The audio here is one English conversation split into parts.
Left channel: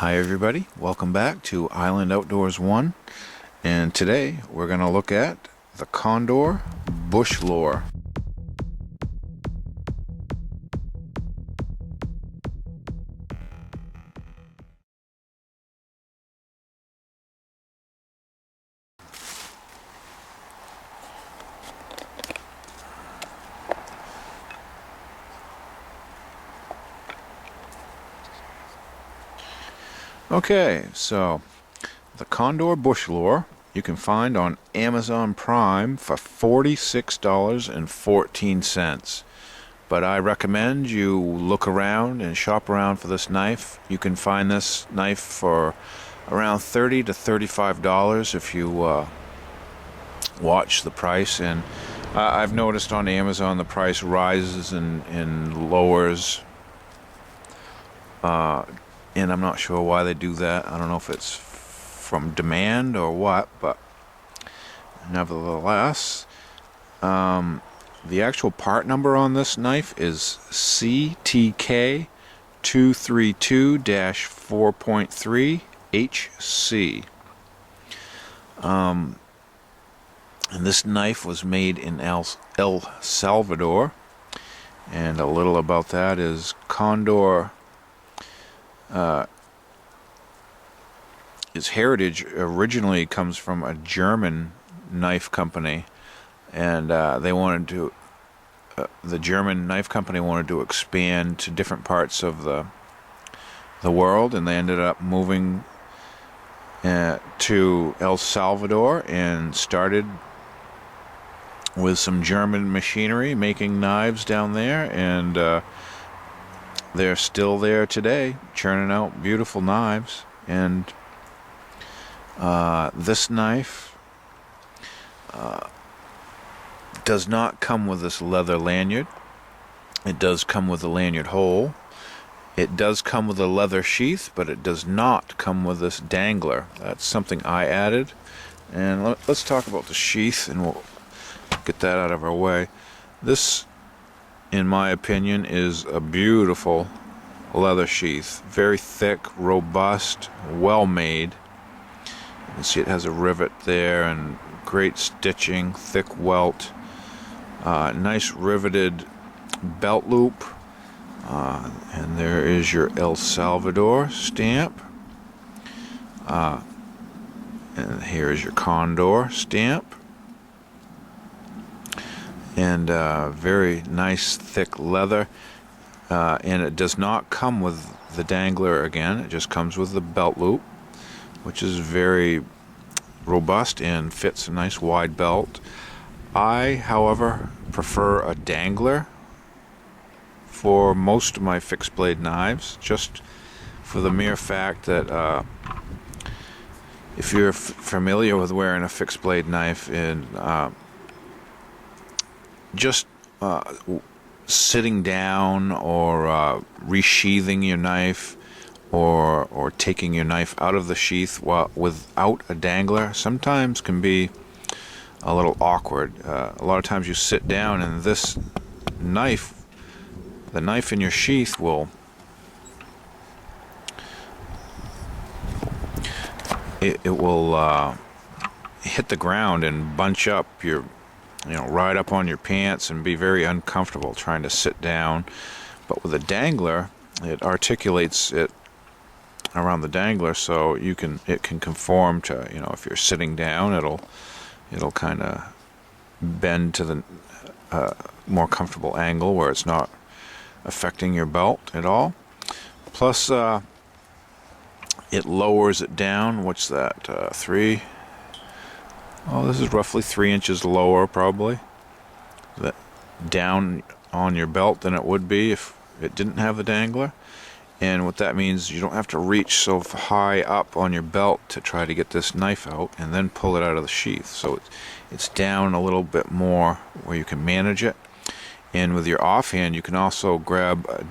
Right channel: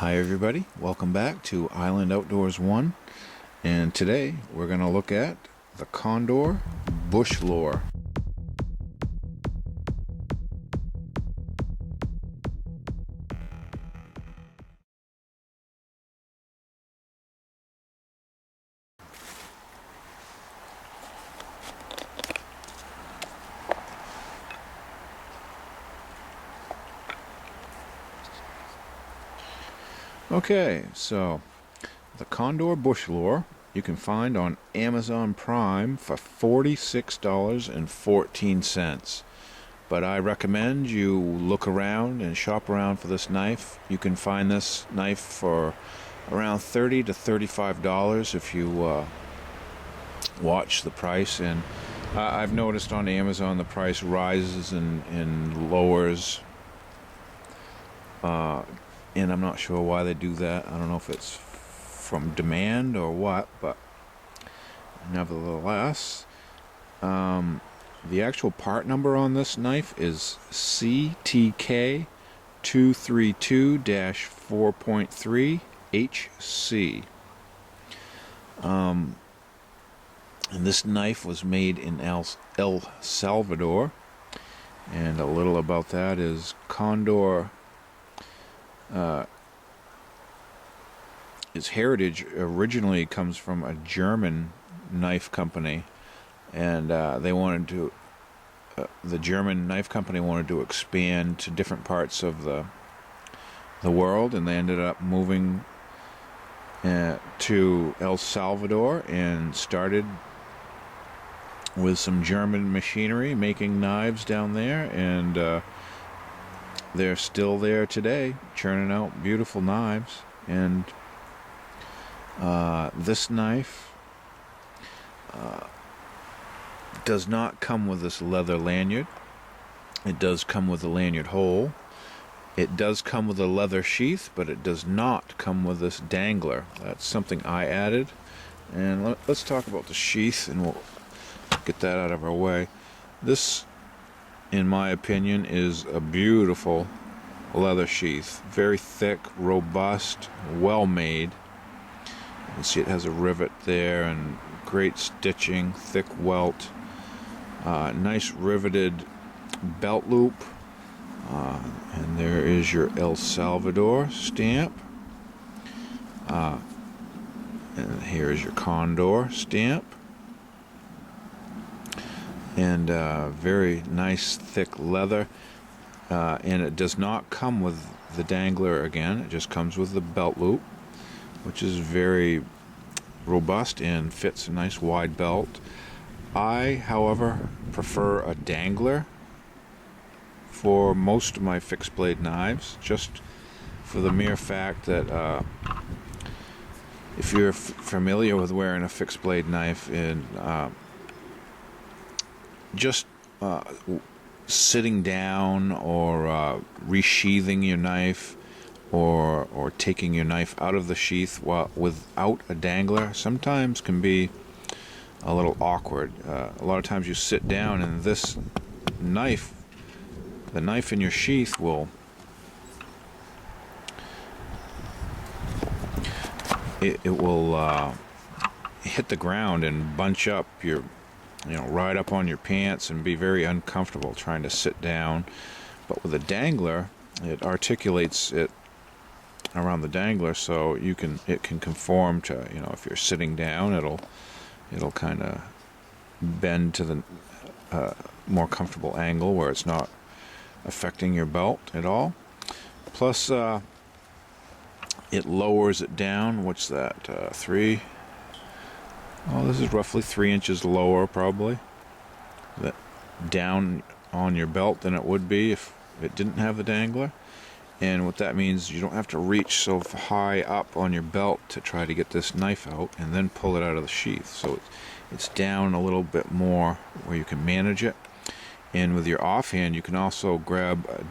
Hi everybody, welcome back to Island Outdoors 1, and today we're going to look at the Condor Bushlore. Okay, so the Condor Bushlore you can find on Amazon Prime for $46.14. But I recommend you look around and shop around for this knife. You can find this knife for around $30 to $35 if you watch the price. And I've noticed on Amazon the price rises and lowers. And I'm not sure why they do that. I don't know if it's from demand or what, but nevertheless, the actual part number on this knife is CTK 232-4.3 HC. And this knife was made in El Salvador. And a little about that is Condor. His heritage originally comes from a German knife company, and the German knife company wanted to expand to different parts of the world, and they ended up moving to El Salvador and started with some German machinery making knives down there, and they're still there today, churning out beautiful knives. And this knife does not come with this leather lanyard. It does come with a lanyard hole. It does come with a leather sheath, but it does not come with this dangler. That's something I added. And let's talk about the sheath, and we'll get that out of our way. This, in my opinion, is a beautiful leather sheath. Very thick, robust, well made. You can see it has a rivet there and great stitching, thick welt, nice riveted belt loop, and there is your El Salvador stamp, and here is your Condor stamp. And very nice thick leather, and it does not come with the dangler again. It just comes with the belt loop, which is very robust and fits a nice wide belt. I, however, prefer a dangler for most of my fixed blade knives, just for the mere fact that if you're familiar with wearing a fixed blade knife and just sitting down or resheathing your knife or taking your knife out of the sheath without a dangler sometimes can be a little awkward. A lot of times you sit down and the knife in your sheath will hit the ground and bunch up right up on your pants and be very uncomfortable trying to sit down. But with a dangler, it articulates it around the dangler, so it can conform to, if you're sitting down, it'll kind of bend to the more comfortable angle where it's not affecting your belt at all. Plus, it lowers it down. What's that? 3. Oh, this is roughly 3 inches lower, probably, down on your belt than it would be if it didn't have the dangler. And what that means, you don't have to reach so high up on your belt to try to get this knife out and then pull it out of the sheath. So it's down a little bit more where you can manage it. And with your offhand, you can also grab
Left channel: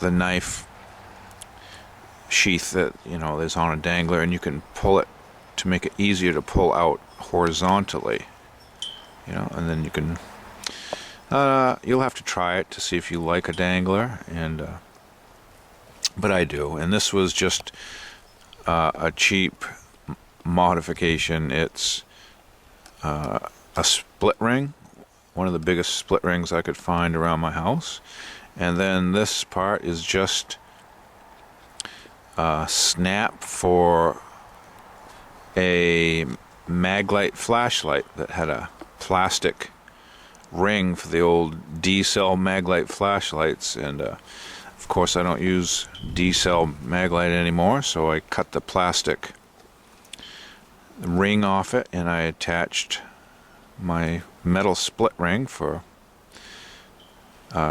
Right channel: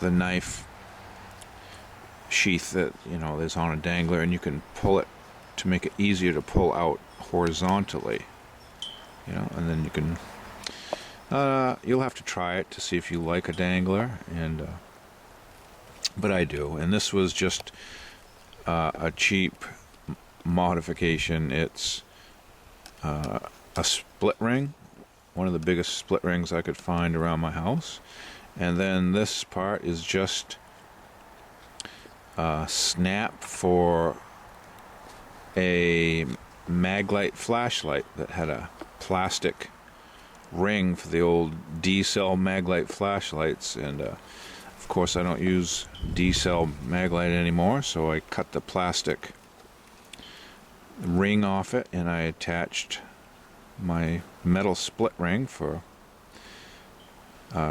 the knife sheath that is on a dangler, and you can pull it to make it easier to pull out horizontally, and then you can you'll have to try it to see if you like a dangler, and but I do. And this was just a cheap modification. It's a split ring, one of the biggest split rings I could find around my house. And then this part is just a snap for a Maglite flashlight that had a plastic ring for the old D-cell Maglite flashlights. And of course I don't use D-cell Maglite anymore, so I cut the plastic ring off it and I attached my metal split ring for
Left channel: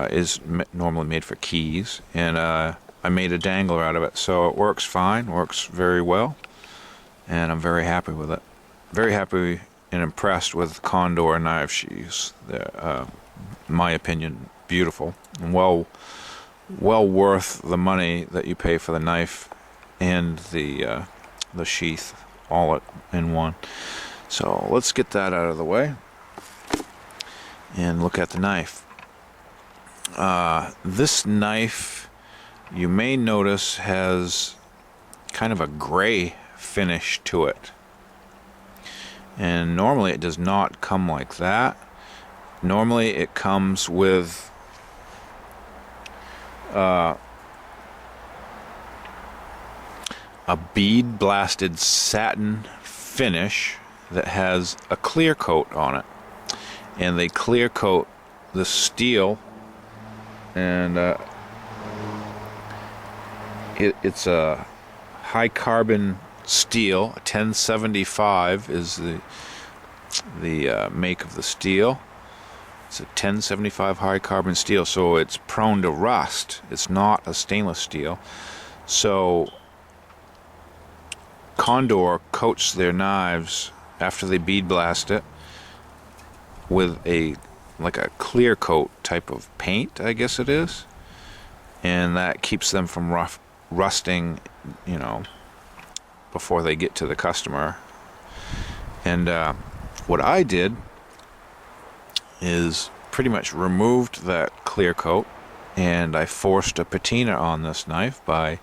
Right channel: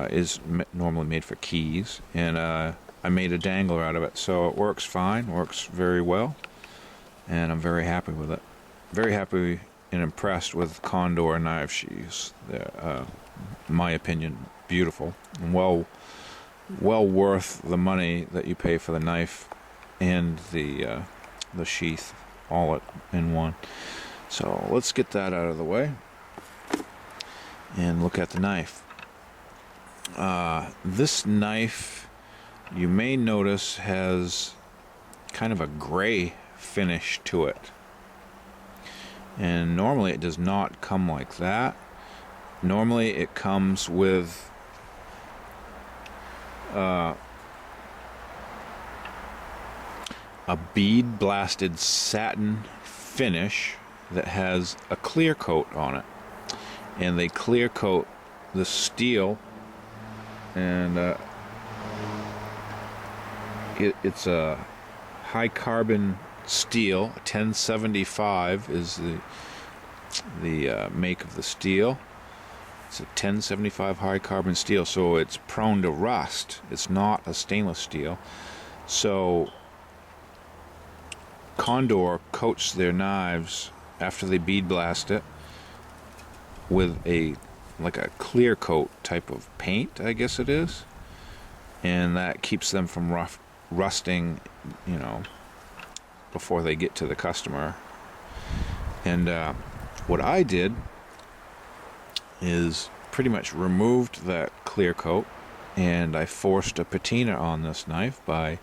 is normally made for keys, and I made a dangler out of it, so it works fine, works very well, and I'm very happy with it. Very happy and impressed with Condor knife sheaths. They're, in my opinion, beautiful and well worth the money that you pay for the knife and the sheath all in one. So let's get that out of the way and look at the knife. This knife, you may notice, has kind of a gray finish to it, and normally it does not come like that. Normally it comes with a bead-blasted satin finish that has a clear coat on it, and they clear coat the steel, and it's a high carbon steel. 1075 is the make of the steel. It's a 1075 high carbon steel, so it's prone to rust. It's not a stainless steel. So Condor coats their knives after they bead blast it with like a clear coat type of paint, I guess it is, and that keeps them from rusting, before they get to the customer. And what I did is pretty much removed that clear coat, and I forced a patina on this knife by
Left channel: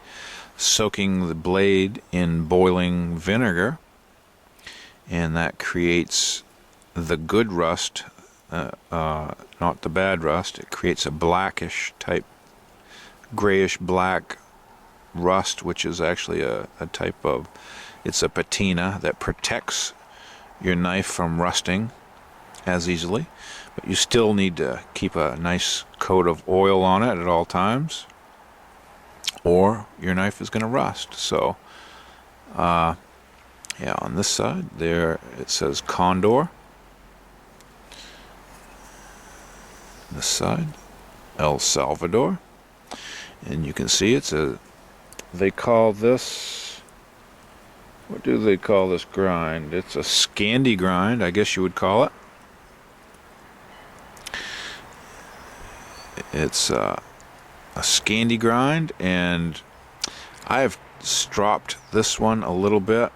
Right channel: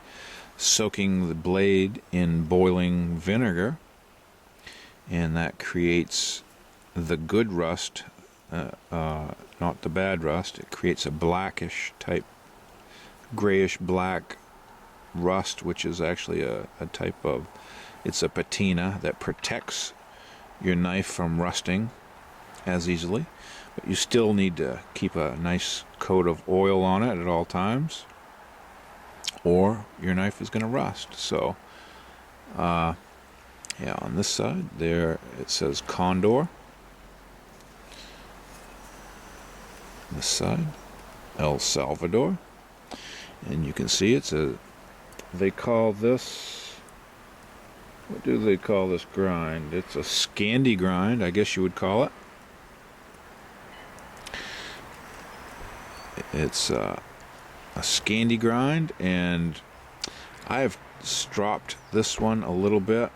soaking the blade in boiling vinegar, and that creates the good rust, not the bad rust. It creates a blackish type, grayish black rust, which is actually a type of, it's a patina that protects your knife from rusting as easily, but you still need to keep a nice coat of oil on it at all times, or your knife is going to rust. So yeah, on this side there it says Condor. This side, El Salvador, and you can see it's they call this, what do they call this grind? It's a Scandi grind, I guess you would call it. It's a Scandi grind, and I have stropped this one a little bit,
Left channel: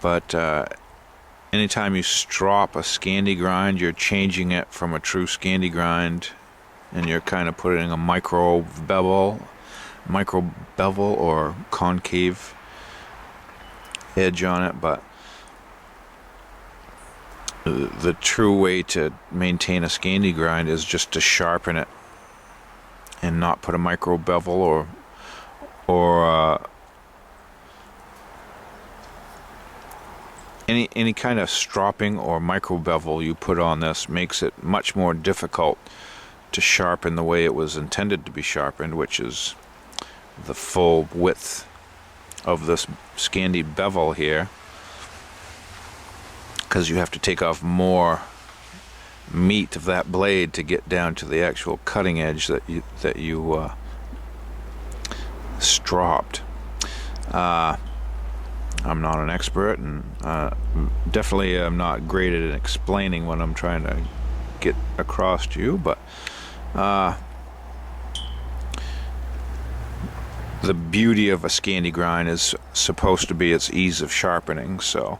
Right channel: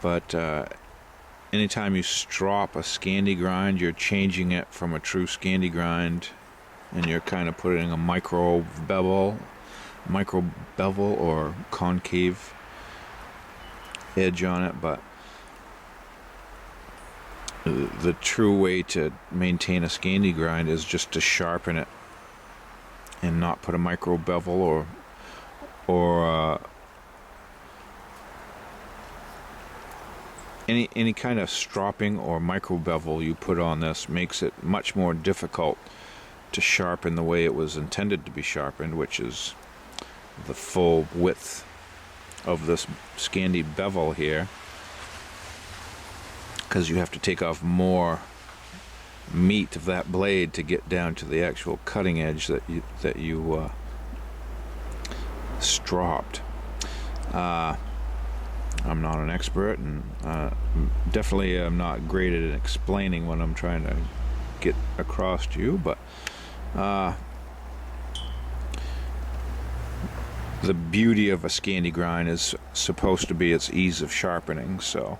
but anytime you strop a Scandi grind, you're changing it from a true Scandi grind, and you're kind of putting a micro bevel or concave edge on it. But the true way to maintain a Scandi grind is just to sharpen it and not put a micro bevel or any kind of stropping or micro bevel you put on this makes it much more difficult to sharpen the way it was intended to be sharpened, which is the full width of this Scandi bevel here, because you have to take off more meat of that blade to get down to the actual cutting edge that you stropped. I'm not an expert, and definitely I'm not great at explaining what I'm trying to get across to you, but the beauty of a Scandi grind is supposed to be its ease of sharpening. So,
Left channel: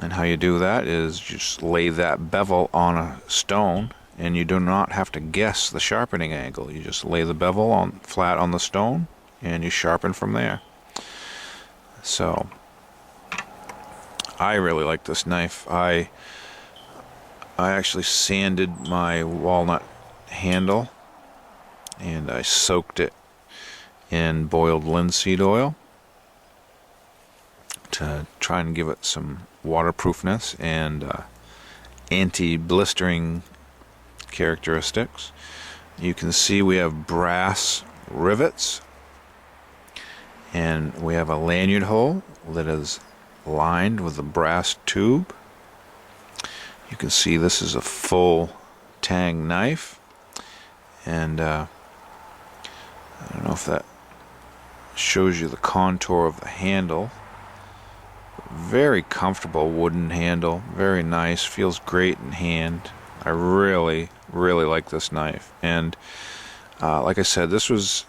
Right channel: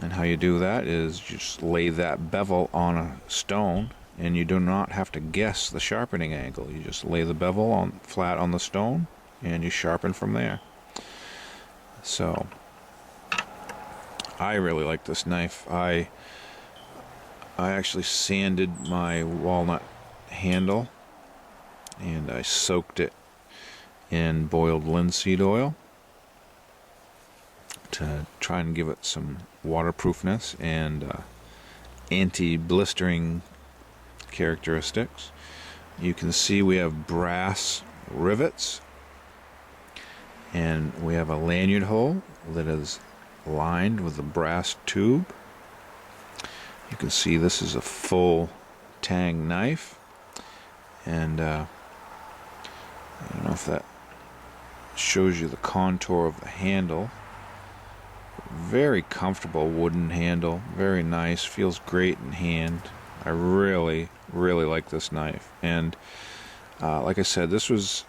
and how you do that is just lay that bevel on a stone and you do not have to guess the sharpening angle. You just lay the bevel on flat on the stone and you sharpen from there. So I really like this knife. I actually sanded my walnut handle and I soaked it in boiled linseed oil to try and give it some waterproofness and anti-blistering characteristics. You can see we have brass rivets, and we have a lanyard hole that is lined with a brass tube. You can see this is a full tang knife, and I don't know if that shows you the contour of the handle. Very comfortable wooden handle, very nice, feels great in hand. I really like this knife, and like I said, this was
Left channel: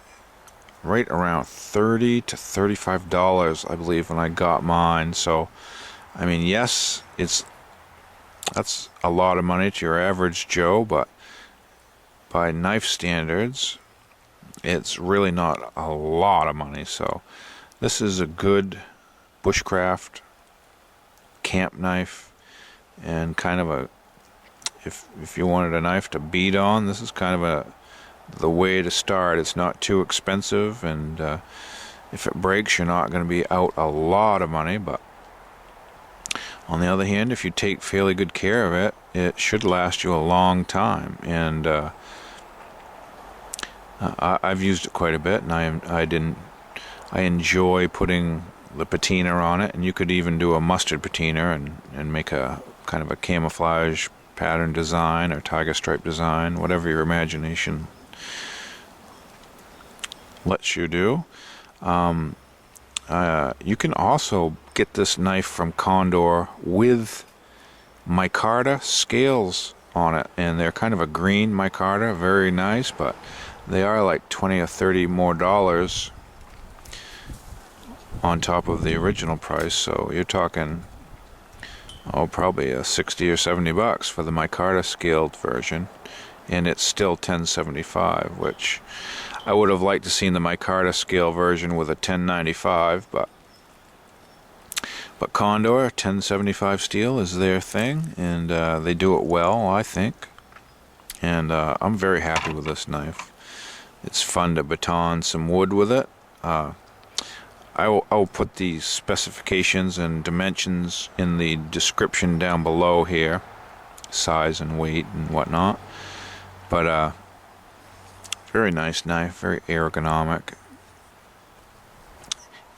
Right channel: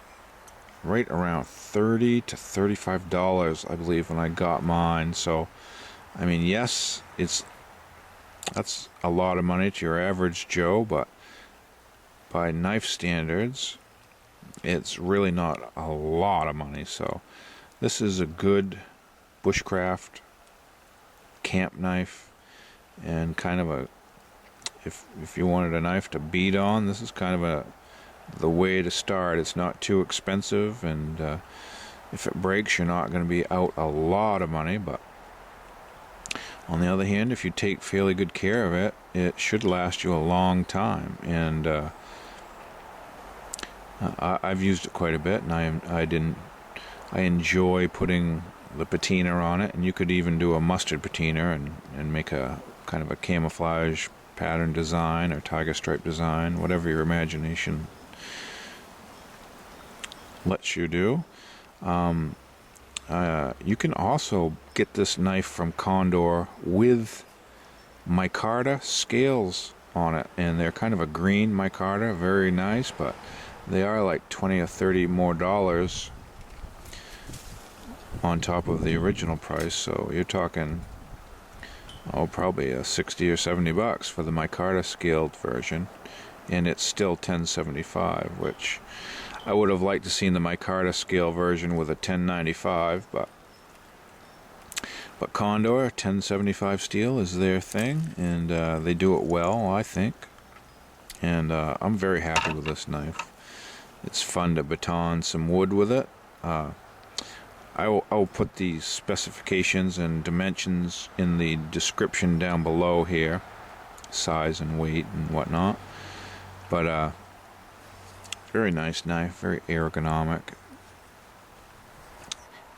right around $30 to $35, I believe, when I got mine. So I mean, yes, that's a lot of money to your average Joe, but by knife standards it's really not a lot of money. So this is a good bushcraft camp knife, and kind of a, if you wanted a knife to beat on, this is kind of the way to start. It's not too expensive, and if it breaks, you're not going to be out a lot of money. But on the other hand, if you take fairly good care of it, it should last you a long time. And I've used it quite a bit, and I enjoy putting the patina on it, and you could even do a mustard patina and make a kind of a camouflage pattern design or tiger stripe design, whatever your imagination lets you do. You can also get this knife from Condor with micarta scales on it, and they're kind of a green micarta, very nice, but they are like $20 or $30 more on top of the original price. So you're talking, probably a $60 or $70 for the micarta scaled version, and it's still $10.75, which I would have liked to seen the micarta scale version with a $10.95, but Condor $10.75 steel is their thing, and they do it well, I think. And I'm very happy with this knife. It's fun to baton some wood with it. I'll put the specifications and dimensions in the description down below here, size and weight and whatnot. But very nice knife, very ergonomic,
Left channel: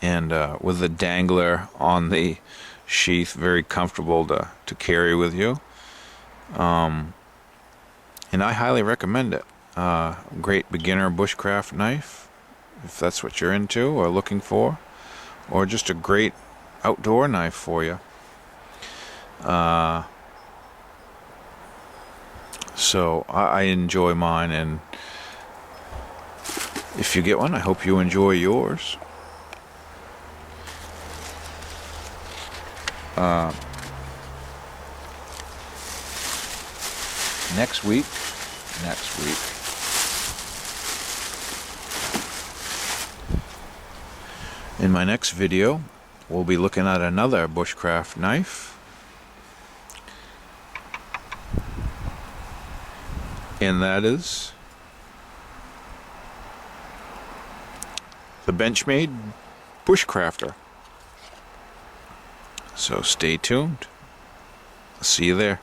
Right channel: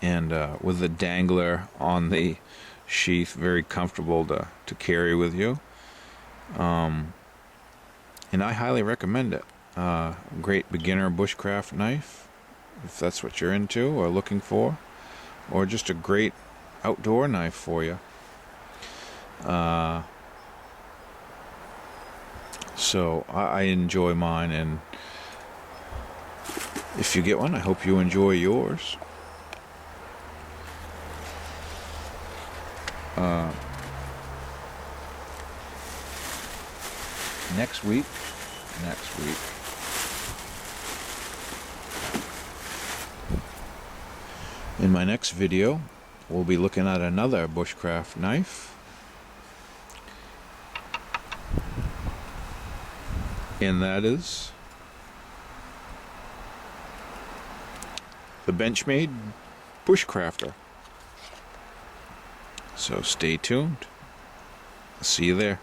and with the dangler on the sheath, very comfortable to carry with you. And I highly recommend it. Great beginner bushcraft knife, if that's what you're into or looking for, or just a great outdoor knife for you. So I enjoy mine, and if you get one, I hope you enjoy yours. Next week, in my next video, we'll be looking at another bushcraft knife, and that is the Benchmade Bushcrafter. So stay tuned. See you there.